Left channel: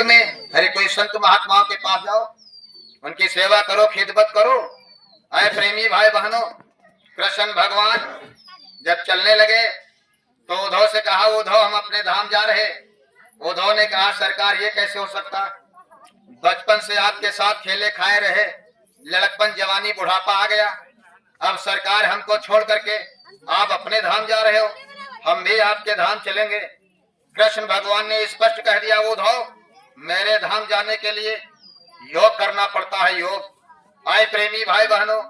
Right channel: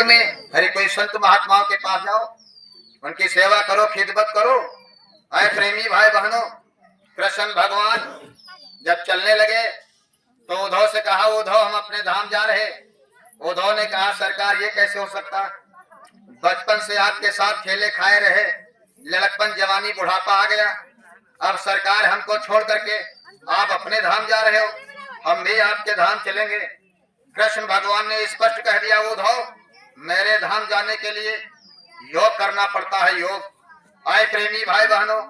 में हरे कोई संत महात्माओं के पास जाओ, उनकी सेवा करो, खिदमत करो। आए प्रेमी भाई बहनों, कृष्ण भगवान जब चलने लगे तो उद्धव से कहा, उद्धव हम अपने धाम जा रहे। उद्धव ने कहा, सरकार ये कैसे हो सकता, बचपन से आपके साथ खेले खाए रहे, लड़कपन जवानी बुढ़ापा आ गया, अब सरकार हमको छोड़ करके आप अपने धाम जा रहे हो, हम भी आपके धाम चलेंगे। कृष्ण भगवान ने स्पष्ट कह दिया, उद्धव मेरे धाम जाने के लिए योग करना पड़ता है, योग। आए प्रेमी भाई बहनों,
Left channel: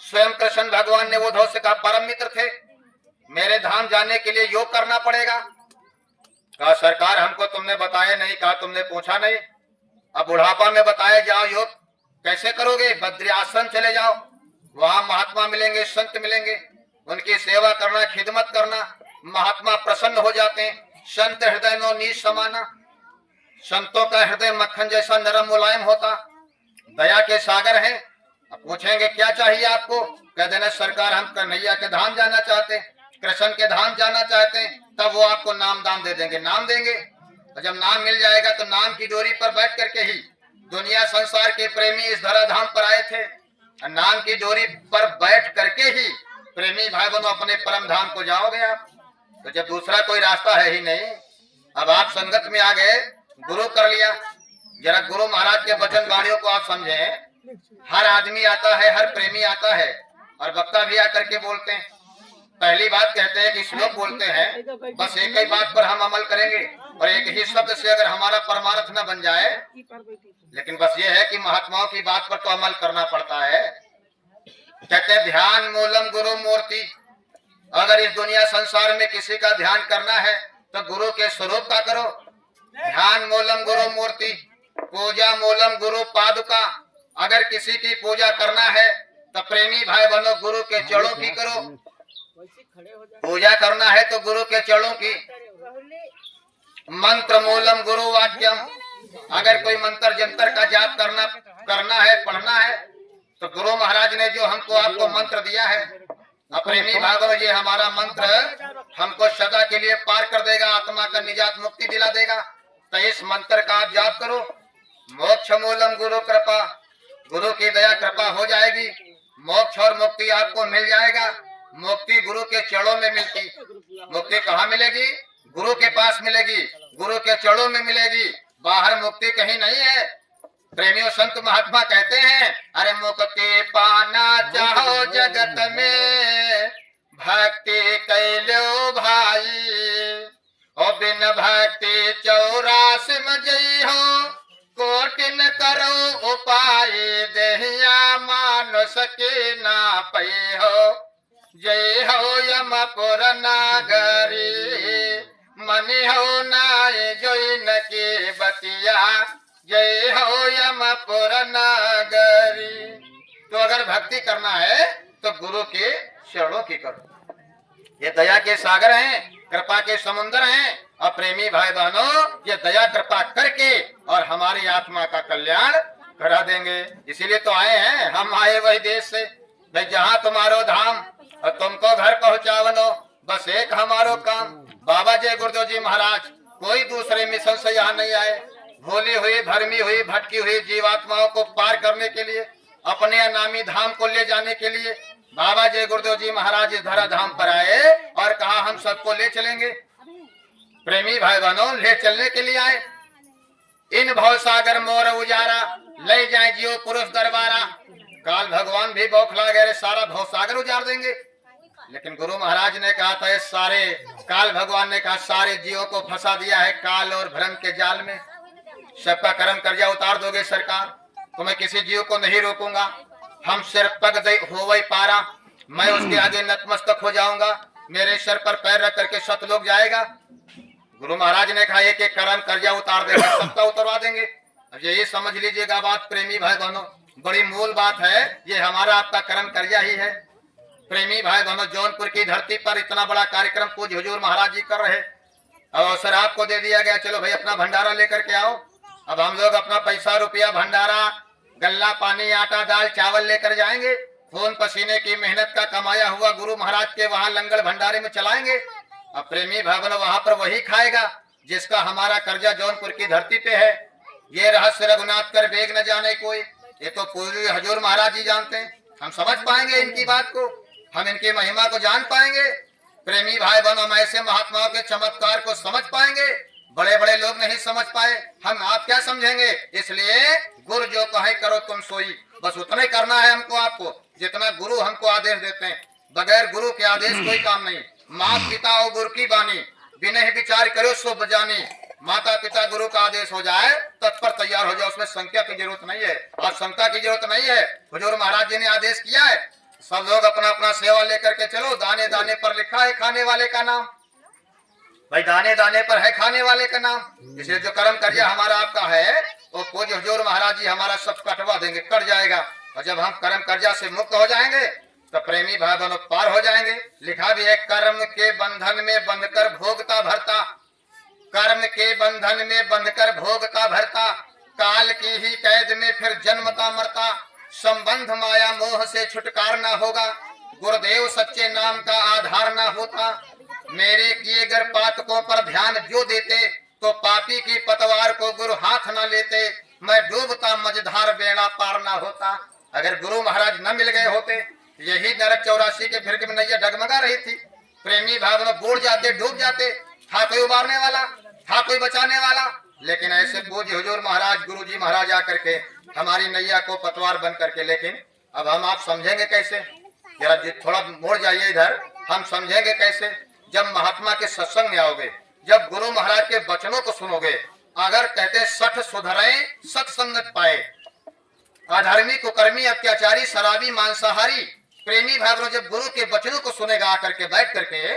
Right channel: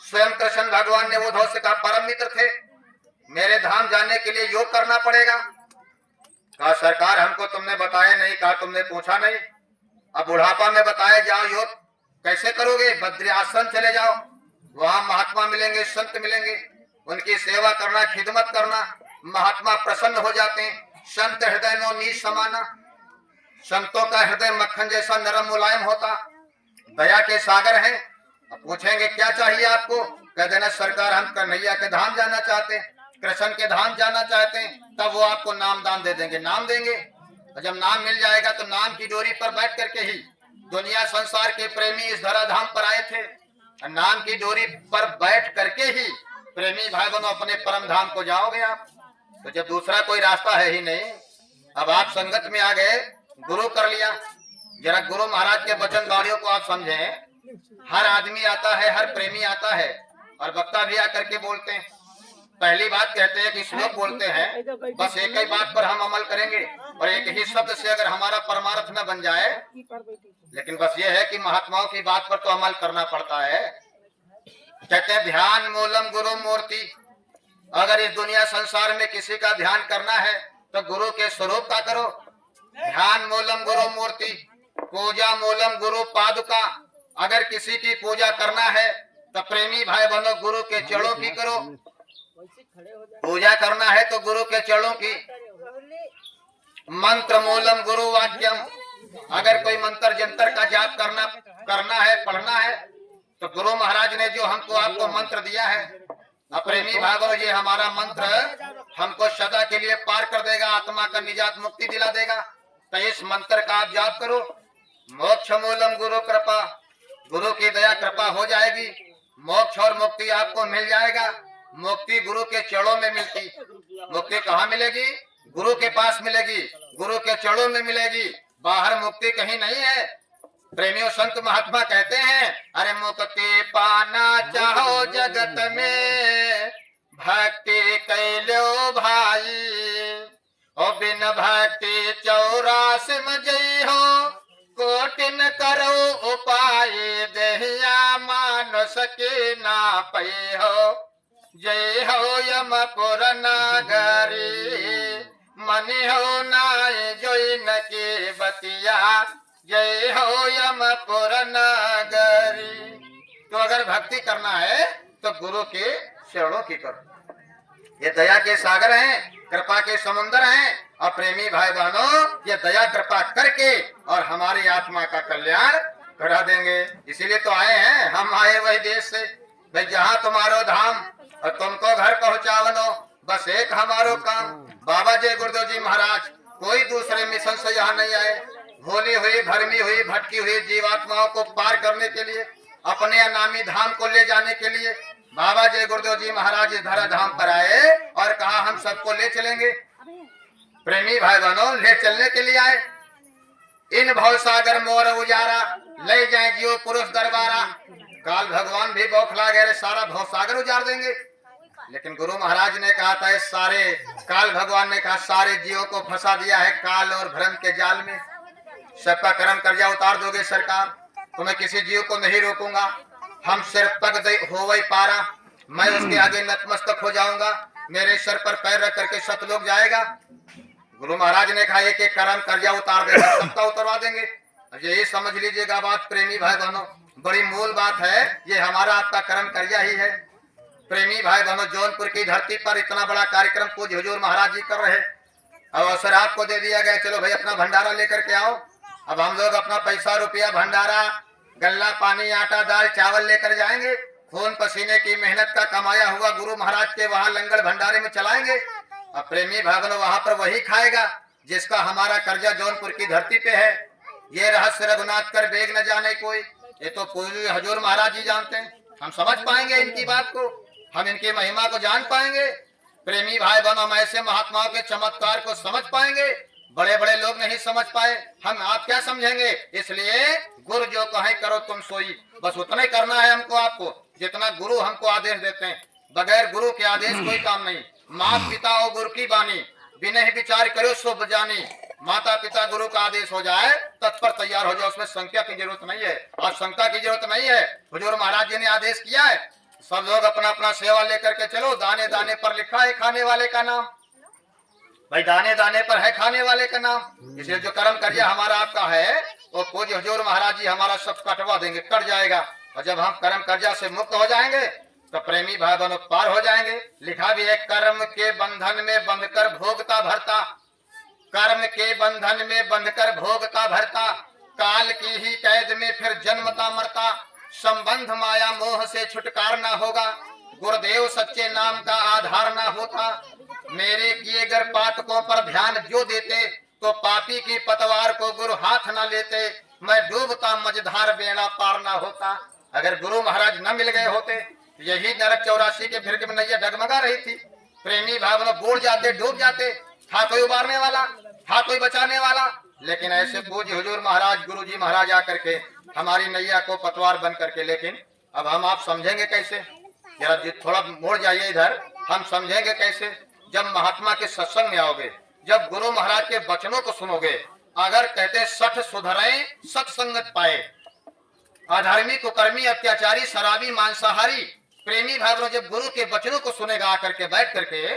स्वयं कृष्ण भगवान ने उद्धव से कहा, परम मित्र थे, मेरे धाम जाने के लिए योग करना पड़ेगा। कहा, सरकार हमको तुमने बताया नहीं, कहा तुमने पूछा नहीं, अब बुढ़ापा में बताया जाओ, योग कैसे करोगे? बद्री आश्रम चले जाओ, वहां महात्मा मिलेंगे, संत मिलेंगे, उनकी सेवा करना, खिदमत करना, महात्मा प्रसन्न हो जाते हैं। संत हृदय नो नीच समाना, संतों का हृदय मक्खन जैसा नरम मुलायम होता, दया के सागर हैं। अब पूछेंगे क्या चाहिए आपको, कह देना सरकार हम कन्हैया के धाम जाना चाहते हैं, कृष्ण के धाम जाना चाहते हैं, तब वो आपको नाम दान दे देंगे, नाम देंगे। और जब नाम मिल जाएगा तो नाम की डोरी पर बैठ करके ही दुनिया संसार के प्रेमी इस धरा धाम पर आए थे, नाम की डोरी पर बैठ करके ही प्रेमी भाई बहनों अपने परम धाम को जाओगे आप। तो जब दूसरा कोई रास्ता है ही नहीं, अब आप संगत में आ गए, गुरु कर लिया। जरा गुरु महाराज के वचन वाणियों को आप समझें। हर आदमी आता है, हर प्रेमी आता है, और वक्ता भी आकर के बोलते हैं। पहली बात कहते हैं कि श्लोक बोलते हैं, बस एक ही बात पर हम अमल करेंगे, और एक ही शब्द से अगर हमारा परमार्थ न बन जाए, लेकिन बस ये है कि महात्माओं की बात पर तो अमल करना पड़ता है। कहते हैं ध्यान मूलम गुरु मूर्ति, अगर इस दुनिया संसार में किसी का ध्यान करना है तो गुरु के स्वरूप का करो। ध्यान मूलम गुरु मूर्ति, पूजा मूलम गुरु पादुका, अगर किसी की पूजा करना है तो प्रेमी भाई बहनों गुरु के चरणों की करो। पूजा करना है तो गुरु के चरणों की। मंत्र मूलम गुरु वाक्यम, अगर कोई मंत्र जंतर का जाप करना है, पढ़ना है, तो गुरु महाराज ने जो हमको आपको मंत्र दिया है, प्रेमी भागो, ये हमारा मंत्र हमको सदा के लिए पार कर देगा, आत्मा का निजात मुक्ति दिला देगा, तो इस मंत्र का आप जाप करो। मोक्ष मूलम गुरु कृपा, गुरु की दया कृपा हो जाएगी, मोक्ष और मुक्ति आपको मिल जाएगा। मुक्ति गुरु के चरणों में मिलती, मुक्ति कहाँ मिलेगी? गुरु के पास मिलेगी, गुरु के चरणों में मिलेगी, बाहर मुक्ति कहीं नहीं है। प्रेमियों संत महात्मा कहते हैं, अरे मुक्ति पाना चाहो जगत में, भक्ति कैलो भाई, और बिन भक्ति 84 में जई हो, कोटिन करो उपाय, देहिया मानुष के ना पै हो, जय हो यमपुर नागरी, मनि हो नाय जोइन के बतिया, जय हो यमपुर नगरी। तो अगर भक्ति करना है तो गुरु के चरणों की करो। ये दया के सागर हैं, कृपा के समुद्र हैं, और प्रेमी भाई बहनों ये दया कृपा करके और हमारी आत्मा का कल्याण करा देंगे। इसीलिए तो आए हैं, हम आए वही देश से, भाई जहाँ तुम्हारो धाम और तुमको घर पहुँचावनो, बस एक हमारो काम। बाबा जय गुरुदेव जी महाराज कोई दूसरे मिशन से यहाँ नहीं आए, भोली हुई, भरमी हुई, भटकी हुई जीवात्माओं को पार करने के लिए, अपने अनामी धाम को ले जाने के लिए बाबा जय गुरुदेव जी महाराज इस धरा धाम पर आए और कहा हम सबको ले चलेंगे। प्रेमी भाई बहनों ले चलने के लिए आए। इन भव सागर मोर उजारा, ले जाए जियो पुरुष दरबारा। काल भगवान भी बौखला गए, सारा भव सागर उजार देंगे, लेकिन गुरु महाराज ने कहा था, इस सारे काल भगवान ने कहा सारे जीवों को फंसा दिया है काल और भ्रम के जाल में, सबका कर्म कर्जा उतार दोगे सरकार, तो मैं किसी जीव को नहीं रोकूंगा। हम सिर पग हो वही पारा, मैं उसके आगे नतमस्तक हो जाऊंगा, मेरे सर पर पैर रख करके सतलोक जाएगा। गुरु महाराज ने कहा एक एक कर्म कर्जा उतार देगा, सबका उतरवा देंगे। यही समझ लीजिएगा बात प्रेमी भाई बहनों, बड़ी मूल बात है, ये हमारा आपका कर्म कर्जा ही है। प्रेमी भाई बहनों जौनपुर की धरती पर इतना बड़ा कार्यक्रम पूज्य हुजूर महाराज जी कर रहे, अब अवसर आपको दे दिया गया, चलो भाई अपना भंडारा लेकर के आओ। अब हम लोग अपना पैसा रुपया भंडारा गल्ला पानी आटा दाल चावल लेकर जाएंगे, खून पसीने की मेहनत का कमाया हुआ गुरु महाराज के वहाँ लंगर भंडारे में चलाएंगे। अब प्रेमी भाई बहनों वहाँ पर वही खाएगा जिसका हमारा कर्जा जौनपुर की धरती पे है। ये रहस्य रघुनाथ कर बेग न जाने कोई। ये तो पूज्य हजूर महाराज जी जानते हैं। हम समझ पाएंगे इनकी बात को, हम इनकी महिमा को जान पाएंगे। प्रेमी भाई बहन, हम ऐसे महात्माओं के चमत्कार को समझ पाएंगे। बड़े बड़े लोग नहीं समझ पाए, हम आप क्या समझेंगे। इसलिए गुरु जो कहे करो तुम सोई, बस उतना ही करना है हमको आपको जितना गुरु हमको आदेश देते हैं। बगैर गुरु के आदेश कोई काम नहीं। माँ पिता और गुरु की बानी, बिना ही विचार करो सो बजानी। माता पिता गुरु का आदेश हो जाए तत्पर तैयार हो जाए, उसमें संख्या की जरूरत नहीं है और शंका की जरूरत नहीं है। हुजूर महाराज जी ने आदेश किया है, सब लोग अपना अपना सेवा लेकर के चलो। दाने दाने पर लिखा है खाने वाले का नाम, भाई दाने दाने पर है खाने वाले का नाम। इसलिए जो कर्म करिया हमारा आपका है वो पूज्य हुजूर महाराज जी हमारा सब कटवा देंगे, कट जाएगा। और जब हम कर्म कर्जा से मुक्त हो जाएंगे तो प्रेमी भाई बहनों पार हो जाएंगे। लिखा भी है, कर्म के बंधन में बंधकर भोगता भरता, कर्म के बंधन में बंधकर भोगता भरता, काल की ही कैद में फिर जन्मता मरता। संबंध माया मोह से छुटकारा न होगा, गुरुदेव सच्चे नाम का आधार न होता। मेरे किए गर पातकों पर ध्यान जो देते, तो पापी की पतवार को गुरु हाथ न लेते। मैं डूबता मझधार बेड़ा पार न होता। अगर गुरु महाराज न मिल गए होते, यही नरक 84 के फिर में नैया डगमगा रही थी। प्रेमी भाई बूढ़ जाते, डूब जाते। था कोई उबारने वाला, था कोई बचाने वाला, लेकिन ऐसे पूज्य हुजूर महाराज गुरु जी महाराज आकर के हमारी नैया को पतवार बन करके। लेकिन अब हम आप समझेंगे कैसे, जरा थोड़ा मोड़ जाइए इधर। हम समझेंगे कैसे जब महात्मा के सत्संग में आओगे, जब गुरु महाराज के वचनों को सुनोगे। अगर कहते सठ सुधरे सत्संगत पाए, अधर्मी कुकर्मी अत्याचारी शराबी मांसाहारी। प्रेमी भाई जब गुरु के वचनों को सुनेगा आकर के बैठ करके,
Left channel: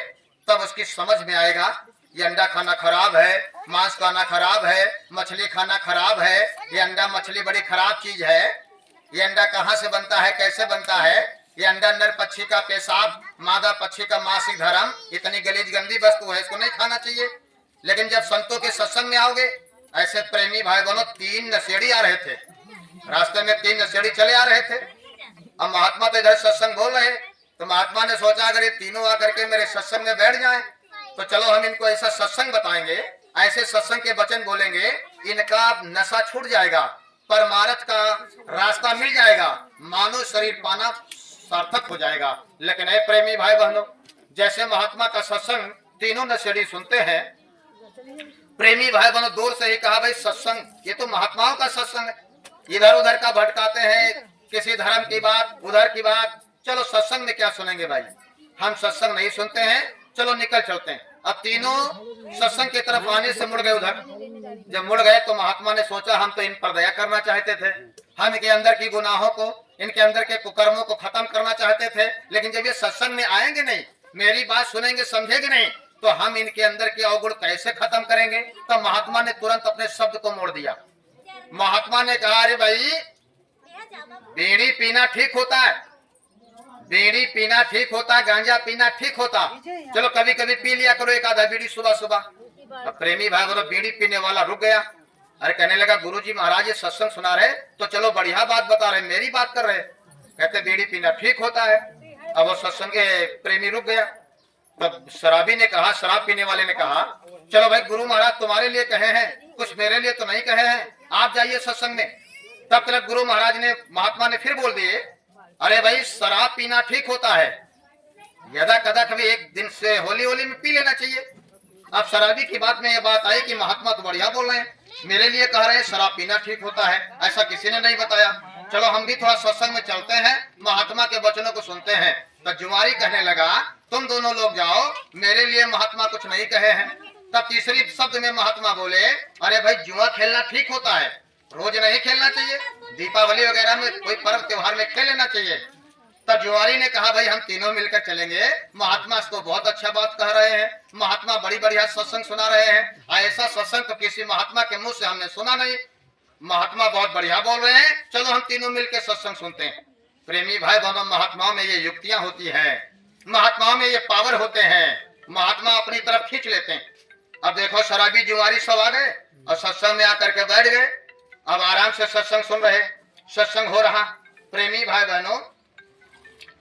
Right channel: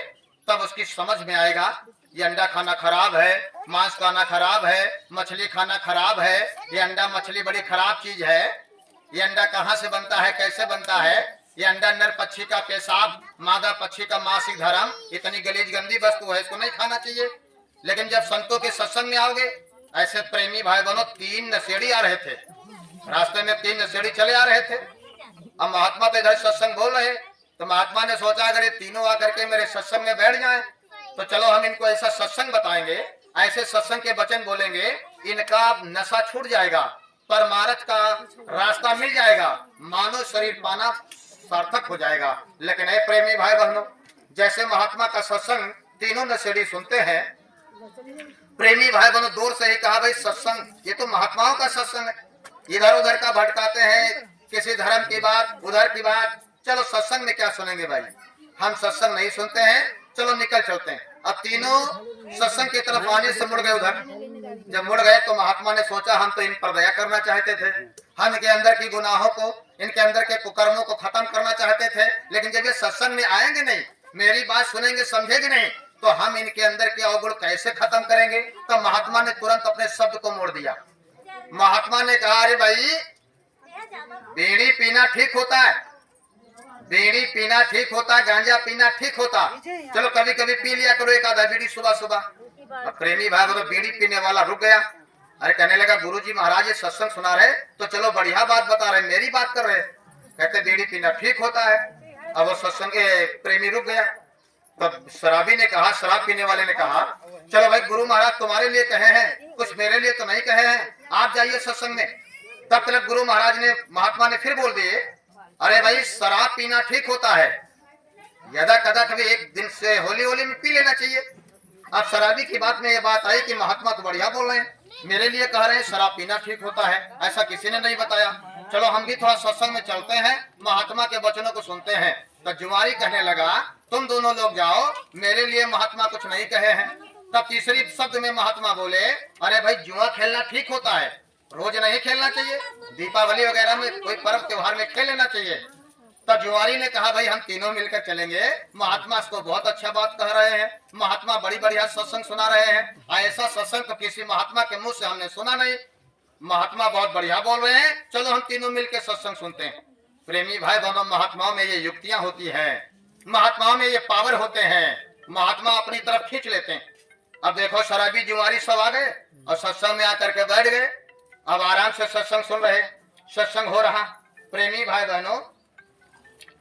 तब उसकी समझ में आएगा ये अंडा खाना खराब है, मांस खाना खराब है, मछली खाना खराब है। ये अंडा मछली बड़ी खराब चीज है। ये अंडा कहाँ से बनता है, कैसे बनता है। ये अंडा नर पक्षी का पेशाब, मादा पक्षी का मासिक धर्म, इतनी गलीज गंदी वस्तु है, इसको नहीं खाना चाहिए। लेकिन जब संतों के सत्संग में आओगे, ऐसे प्रेमी भाई बहनों 3 नशेड़ी आ रहे थे रास्ते में, 3 नशेड़ी चले आ रहे थे। अब महात्मा तो इधर सत्संग बोल रहे, तो महात्मा ने सोचा अगर ये तीनों आकर के मेरे सत्संग में बैठ जाएं, तो चलो हम इनको ऐसा सत्संग बताएंगे, ऐसे सत्संग के वचन बोलेंगे, इनका नशा छूट जाएगा, परमार्थ का रास्ता मिल जाएगा, मानव शरीर पाना सार्थक हो जाएगा। लेकिन ए प्रेमी भाई बहनों, जैसे महात्मा का सत्संग तीनों नशेड़ी सुनते हैं, प्रेमी भाई बहनों दूर से ही कहा भाई सत्संग ये तो महात्माओं का सत्संग है, इधर उधर का भटकाते हैं, किसी धर्म की बात उधर की बात। चलो सत्संग में क्या सुनेंगे भाई, हम सत्संग नहीं सुनते हैं, चलो निकल चलते हैं। अब तीनों सत्संग की तरफ आने से मुड़ गए उधर। जब मुड़ गए तो महात्मा ने सोचा हम तो इन पर दया करना चाहते थे, हम इनके अंदर की गुनाहों को, इनके अंदर के कुकर्मों को खत्म करना चाहते थे। लेकिन जब ये सत्संग में आएंगे नहीं, मेरी बात सुनेंगे, समझेंगे नहीं, तो हम इनके अंदर के अवगुण कैसे खत्म करेंगे। तो महात्मा ने तुरंत अपने शब्द को मोड़ दिया। महात्मा ने कहा अरे भाई बीड़ी पीना ठीक होता है, बीड़ी पीना ठीक होता, गांजा पीना ठीक होता, चलो कभी कभी पी लिया करो एक आधा बीड़ी सुबह सुबह। अब प्रेमी भाई तो बीड़ी पीने वाला रुक गया। अरे कहने लगा गुरुजी महाराज ये सत्संग सुना रहे तो चलो बढ़िया बात बता रहे, मेरी बात कर रहे, कहते बीड़ी पीना ठीक होता है। अब वो सत्संग के प्रेमी रुक गया। तब शराबी ने कहा, शराब पीने वाले ने कहा चलो भाई गुरु महाराज तुम्हारे लिए कहे हैं, कुछ मेरे लिए तो नहीं कहे हैं, आप जाइए सत्संग में। तब तक गुरु महाराज ने, महात्मा ने फिर बोल दिए अरे भाई शराब पीना ठीक होता है, यदा कदा कभी एक दिन से होली होली में पी लेना चाहिए। अब शराबी की बात में ये बात आई कि महात्मा तो बढ़िया बोल रहे हैं, मेरे लिए कह रहे हैं शराब पीना ठीक होता है, ऐसा किसी ने नहीं बताया। चलो हम भी थोड़ा सत्संग में चलते हैं, महात्मा के वचनों को सुनते हैं। तो जुआरी कहने लगा तुम दोनों लोग जाओ, मेरे लिए महात्मा कुछ नहीं कहे हैं। तब तीसरी शब्द में महात्मा बोले अरे भाई जुआ खेलना ठीक होता है, रोज नहीं खेलना चाहिए, दीपावली वगैरह में कोई पर्व त्योहार में खेल लेना चाहिए। तब जुआरी ने कहा भाई हम तीनों मिलकर चलेंगे, महात्मा तो बहुत अच्छा बात कह रहे हैं, महात्मा बड़ी बढ़िया सत्संग सुना रहे हैं, ऐसा सत्संग तो किसी महात्मा के मुंह से हमने सुना नहीं, महात्मा बहुत बढ़िया बोल रहे हैं, चलो हम तीनों मिलकर सत्संग सुनते हैं। प्रेमी भाई बहनों, महात्माओं में ये युक्तियां होती है, महात्माओं में ये पावर होते हैं, महात्मा अपनी तरफ खींच लेते हैं। अब देखो शराबी जुआरी सब आ गए और सत्संग में आकर के बैठ गए, अब आराम से सत्संग सुन रहे, सत्संग हो रहा। प्रेमी भाई बहनों,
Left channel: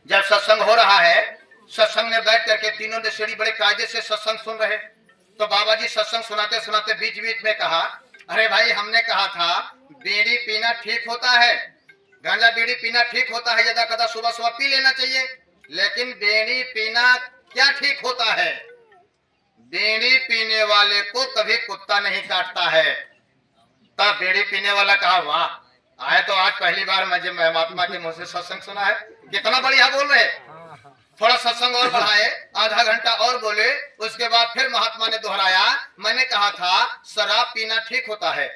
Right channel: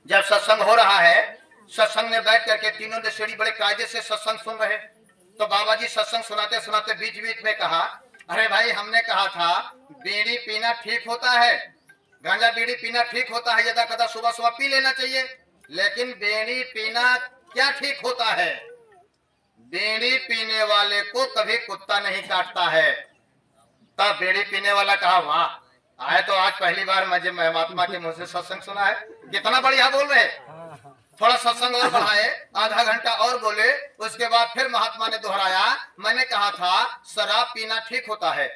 जब सत्संग हो रहा है, सत्संग में बैठ करके तीनों ने सीढ़ी बड़े कायदे से सत्संग सुन रहे, तो बाबा जी सत्संग सुनाते सुनाते बीच बीच में कहा अरे भाई, हमने कहा था बीड़ी पीना ठीक होता है, गांजा बीड़ी पीना ठीक होता है, यदा कदा सुबह सुबह पी लेना चाहिए। लेकिन बीड़ी पीना क्या ठीक होता है? बीड़ी पीने वाले को कभी कुत्ता नहीं काटता है। तब बीड़ी पीने वाला कहा, वाह, आए तो आज पहली बार मुझे महात्मा के मुंह से सत्संग सुना है, कितना बढ़िया बोल रहे। थोड़ा सत्संग और बढ़ाए, आधा घंटा और बोले। उसके बाद फिर महात्मा ने दोहराया, मैंने कहा था शराब पीना ठीक होता है,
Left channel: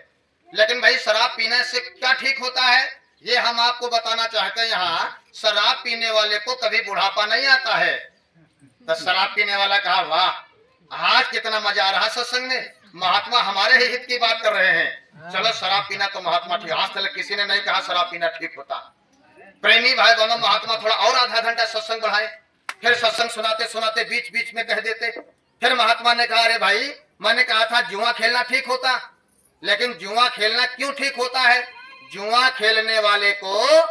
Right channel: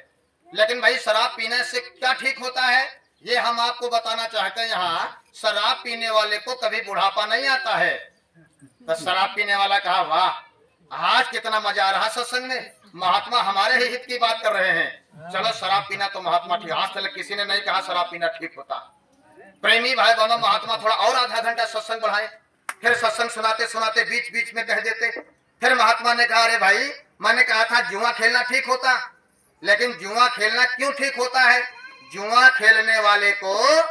लेकिन भाई शराब पीने से क्या ठीक होता है ये हम आपको बताना चाहते हैं। यहाँ शराब पीने वाले को कभी बुढ़ापा नहीं आता है। तो शराब पीने वाला कहा, वाह, आज कितना मजा आ रहा सत्संग में, महात्मा हमारे ही हित की बात कर रहे हैं। चलो शराब पीना तो महात्मा ठीक, आज तक किसी ने नहीं कहा शराब पीना ठीक होता। प्रेमी भाई दोनों, महात्मा थोड़ा और आधा घंटा सत्संग बढ़ाए। फिर सत्संग सुनाते सुनाते बीच बीच में कह देते। फिर महात्मा ने कहा, अरे भाई, मैंने कहा था जुआ खेलना ठीक होता, लेकिन जुआ खेलना क्यों ठीक होता है? जुआ खेलने वाले को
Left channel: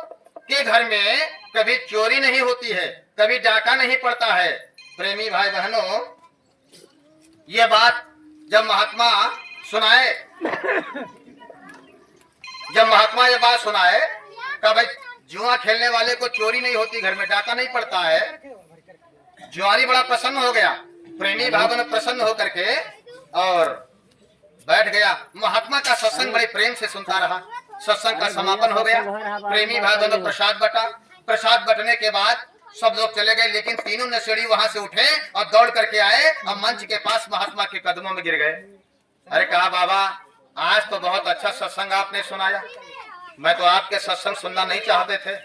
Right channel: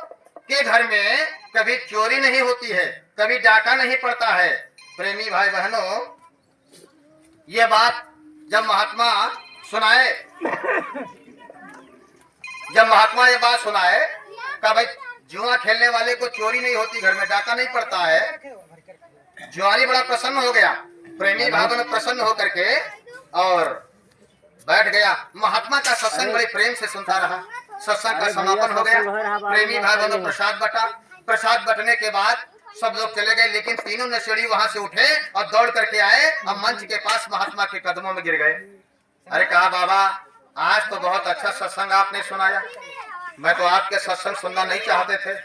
के घर में कभी चोरी नहीं होती है, कभी डाका नहीं पड़ता है। प्रेमी भाई बहनों, ये बात जब महात्मा सुनाए, जब महात्मा ये बात सुनाए का भाई जुआ खेलने वाले को चोरी नहीं होती, घर में डाका नहीं पड़ता है, जुआरी बड़ा प्रसन्न हो गया। प्रेमी भाई बहनों प्रसन्न होकर के और बैठ गया। महात्मा का सत्संग बड़े प्रेम से सुनता रहा। सत्संग का समापन हो गया। प्रेमी भाई बहनों प्रसाद बटा। प्रसाद बटने के बाद सब लोग चले गए, लेकिन तीनों नशेड़ी वहां से उठे और दौड़ करके आए और मंच के पास महात्मा के कदमों में गिर गए। अरे कहा, बाबा, आज तो बहुत अच्छा सत्संग आपने सुनाया, मैं तो आपके सत्संग सुनना नहीं चाहते थे,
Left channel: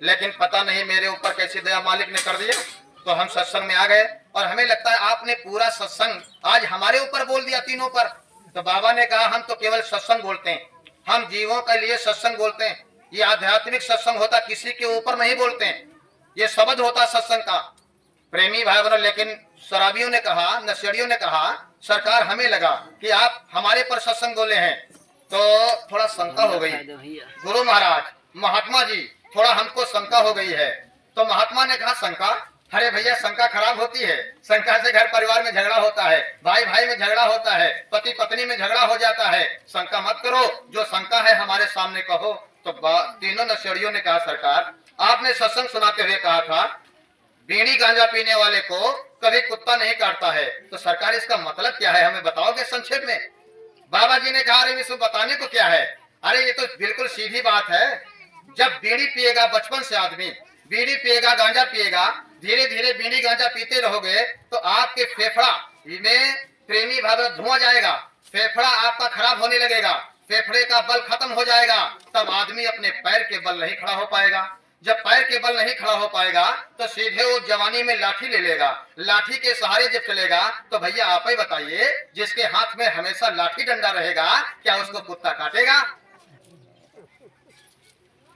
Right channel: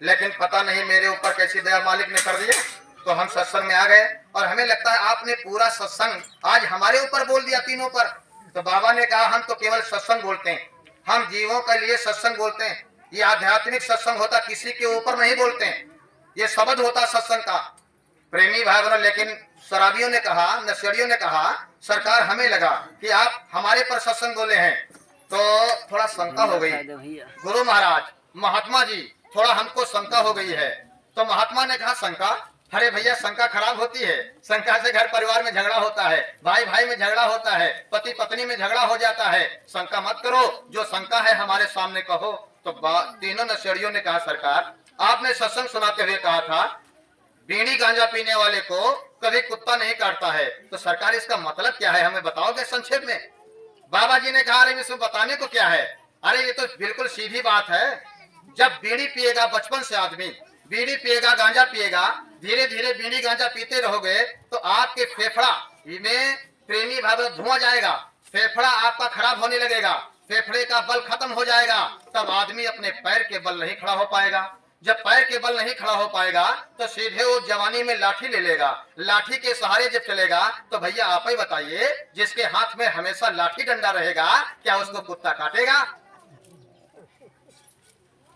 लेकिन पता नहीं मेरे ऊपर कैसी दया मालिक ने कर दिया, तो हम सत्संग में आ गए और हमें लगता है आपने पूरा सत्संग आज हमारे ऊपर बोल दिया, तीनों पर। तो बाबा ने कहा, हम तो केवल सत्संग बोलते हैं, हम जीवों के लिए सत्संग बोलते हैं, ये आध्यात्मिक सत्संग होता, किसी के ऊपर नहीं बोलते हैं, ये शब्द होता सत्संग का। प्रेमी भाई बहनों, लेकिन शराबियों ने कहा, नशेड़ियों ने कहा, सरकार हमें लगा कि आप हमारे पर सत्संग बोले हैं, तो थोड़ा शंका हो गई। गुरु महाराज, महात्मा जी, थोड़ा हमको शंका हो गई है। तो महात्मा ने कहा, शंका? अरे भैया, शंका खराब होती है, शंका से घर परिवार में झगड़ा होता है, भाई भाई में झगड़ा होता है, पति पत्नी में झगड़ा हो जाता है, शंका मत करो, जो शंका है हमारे सामने कहो। तो तीनों नशेड़ियों ने कहा, सरकार, आपने सत्संग सुनाते हुए कहा था बीड़ी गांजा पीने वाले को कभी कुत्ता नहीं काटता है, तो सरकार इसका मतलब क्या है, हमें बताओगे संक्षेप में? बाबा जी ने कहा, अरे इसमें बताने को क्या है, अरे ये तो बिल्कुल सीधी बात है। जब बीड़ी पिएगा, बचपन से आदमी बीड़ी पिएगा, गांजा पिएगा, धीरे धीरे बीड़ी गांजा पीते रहोगे तो आपके फेफड़ा में, प्रेमी भाई, धुआं जाएगा, फेफड़ा आपका खराब होने लगेगा, फेफड़े का बल खत्म हो जाएगा, तब आदमी अपने पैर के बल नहीं खड़ा हो पाएगा। जब पैर के बल नहीं खड़ा हो पाएगा तो सीधे वो जवानी में लाठी ले लेगा, लाठी के सहारे जब चलेगा तो भैया आप ही बताइए, जिसके हाथ में हमेशा लाठी डंडा रहेगा, क्या उसको कुत्ता काटेगा?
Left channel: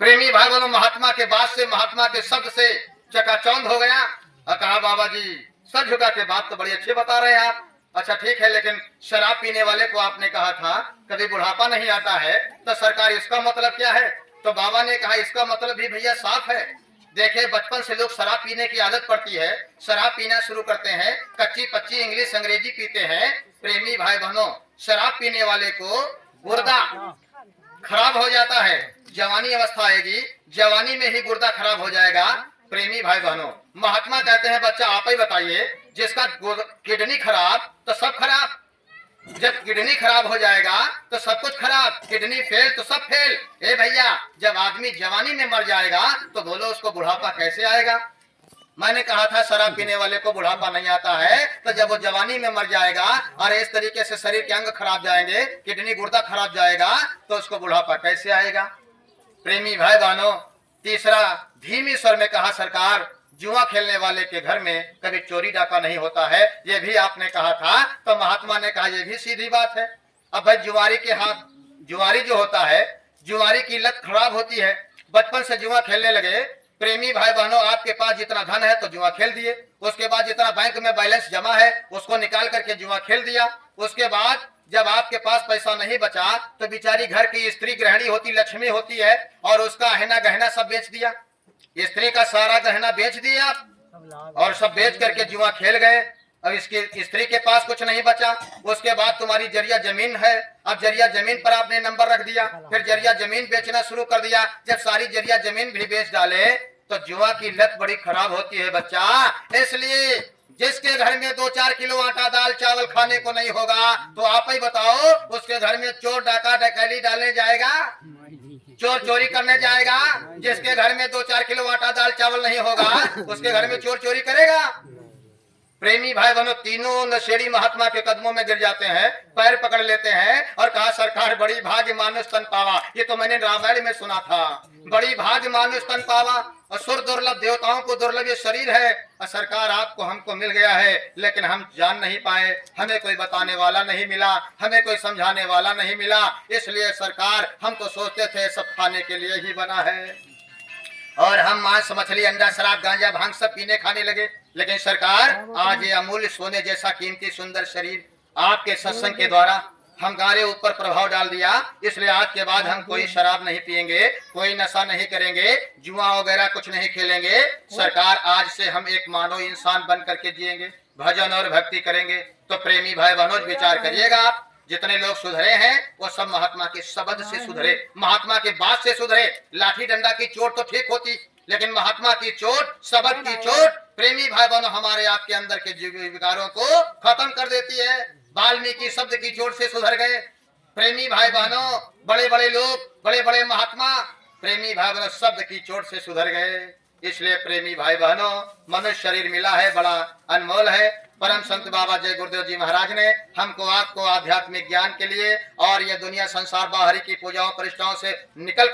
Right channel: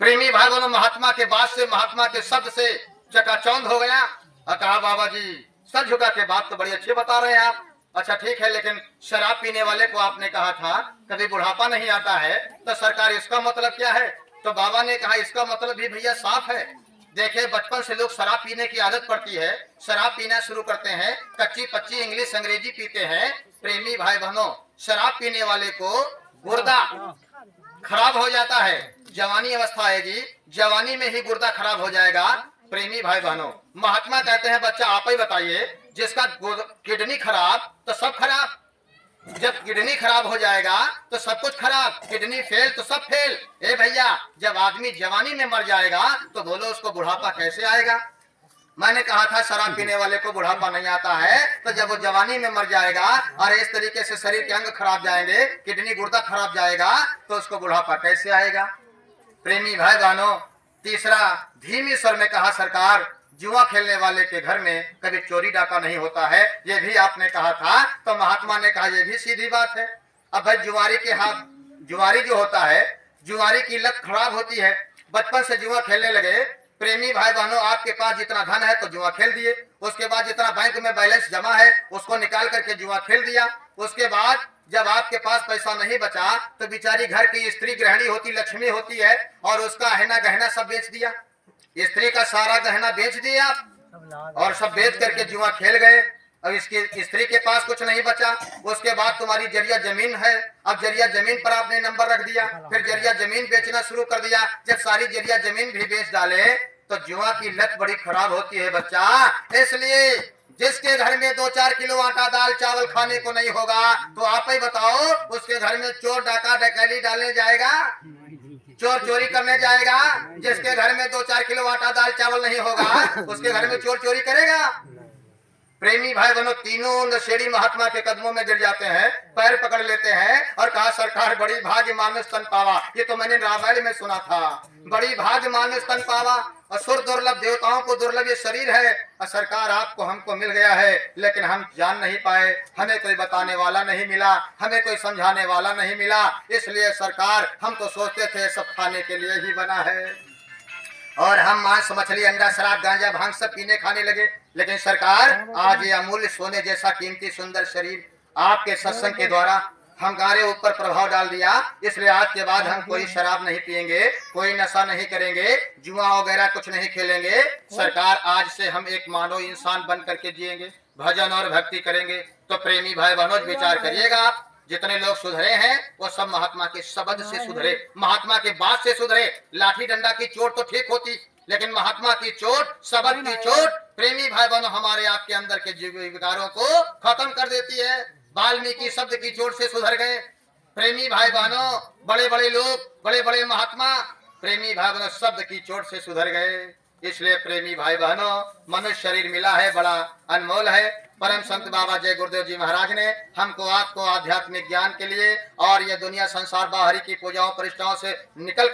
प्रेमी भाई बहनों, महात्मा के बात से, महात्मा के शब्द से चकाचौंध हो गया और कहा, बाबा जी, सर झुका के बात तो बड़ी अच्छी बता रहे हैं आप, अच्छा ठीक है, लेकिन शराब पीने वाले को आपने कहा था कभी बुढ़ापा नहीं आता है, तो सरकार इसका मतलब क्या है? तो बाबा ने कहा, इसका मतलब भी भैया साफ है। देखिए, बचपन से लोग शराब पीने की आदत पड़ती है, शराब पीना शुरू करते हैं, कच्ची पच्ची इंग्लिश अंग्रेजी पीते हैं। प्रेमी भाई बहनों, शराब पीने वाले को गुर्दा खराब हो जाता है, जवानी अवस्था आएगी, जवानी में ही गुर्दा खराब हो जाएगा। प्रेमी भाई बहनों, महात्मा कहते हैं, बच्चा आप ही बताइए, जिसका किडनी खराब तो सब खराब, जब किडनी खराब हो जाएगा तो सब कुछ खराब, किडनी फेल तो सब फेल। ए भैया, जब आदमी जवानी में मर जाएगा तो बोलो उसको बुढ़ापा कैसे आएगा? मैंने कहा था शराब पीने वाले को बुढ़ापा नहीं आता है, तो जब वो जवानी में मर जाएगा और इस तरीके से शरीर के अंग खराब जाएंगे, किडनी गुर्दा खराब जाएगा, तो उसको बुढ़ापा कैसे आएगा? प्रेमी भाई बहनों, तीसरा धीमी स्वर में कहा, सरकार, जुआ खेलने वाले के घर में कभी चोरी डाका नहीं होता है, ये भी आपने कहा था। तो महात्मा ने कहा, ये भी सीधी बात है। अब भाई जुआरी के हाथ, जुआरी जो होता है, जुआरी की लत खराब होती है, बचपन से जुआ खेलने लगे। प्रेमी भाई बहनों, आपके पास जितना धन है तो जुआ खेल दिए, उसके बाद जितना बैंक में बैलेंस जमा है उसको निकाल करके जुआ खेल दिया, उसके बाद जब आपके पास पैसा नहीं बचा तो बेचारी घर की स्त्री गृहिणी होती, लक्ष्मी होती है, और उसका गहना गहना सब बेच दिया, स्त्री का सारा गहना बेच दिया और सब बेच करके जुआ खेल गए। अब इसकी स्त्री के पास कुछ नहीं बचा। उसके बाद तुम्हारी जरिया जमीन है, अब जरिया जमीन पर आपने नंबर रख दिया, फिर जरिया जमीन बेचना शुरू कर दिया। जब सारी जरिया जमीन भी बेच डाले तो जुआ की लत बड़ी खराब होती है बच्चा। इसलिए जिसके घर में 2-4 किलो आटा दाल चावल खाने को नहीं होगा, तो आप ही बताओ उसके घर में चोर डाका डकैती डालने जाएगा, चोर चोरी करने जाएगा? जिसके घर में 2-4 किलो आटा दाल चावल नहीं होगा, उसके घर में चोर चोरी करेगा? प्रेमी भाई बहनों, तीनों नशेड़ी महात्मा के कदमों में गिर जाते हैं, पैर पकड़ लेते हैं और कहा सरकार बड़ी भाग्य मानुष तन पावा। ये तो मैंने रामायण में सुना था, बड़ी भाग्य मानुष तन पावा। असुर दुर्लभ, देवताओं को दुर्लभ ये शरीर है, और सरकार आपको हमको मिल गया है, लेकिन हम जान नहीं पाए, हमें कोई बताने वाला नहीं मिला, हमें कोई समझाने वाला नहीं मिला। इसलिए सरकार हम तो सोचते थे सब खाने के लिए ही बना है, और हम मांस मछली अंडा शराब गांजा भांग सब पीने खाने लगे। लेकिन सरकार आज ये अमूल्य सोने जैसा कीमती सुंदर शरीर आपके सत्संग के द्वारा हमारे ऊपर प्रभाव डाल दिया। इसलिए आज के बाद हम कोई शराब नहीं पिएंगे, कोई नशा नहीं करेंगे, जुआ वगैरह कुछ नहीं खेलेंगे। सरकार आज से हम एक मानव इंसान बन करके जिएंगे, भजन और भक्ति करेंगे। तो प्रेमी भाई बहनों विचार करिएगा, आप जितने लोग सुधरे हैं वो सब महात्मा के शब्द से सुधरे, महात्मा के बात से सुधरे। लाठी डंडा की चोट तो ठीक होती, लेकिन महात्मा की चोट, शब्द की चोट प्रेमी भाई बहनों हमारे आपके अंदर के विकारों को खत्म कर देती है। वाल्मीकि शब्द की चोट से सुधर गए प्रेमी भाई बहनों, बड़े बड़े लोग, बड़े बड़े महात्मा प्रेमी भाई बहनों शब्द की चोट से सुधर गए। इसलिए प्रेमी भाई बहनों, मनुष्य शरीर मिला है बड़ा अनमोल है। परम संत बाबा जय गुरुदेव जी महाराज ने हमको आपको आध्यात्मिक ज्ञान के लिए और ये दुनिया संसार बाहरी की पूजाओं प्रतिष्ठाओं से निकल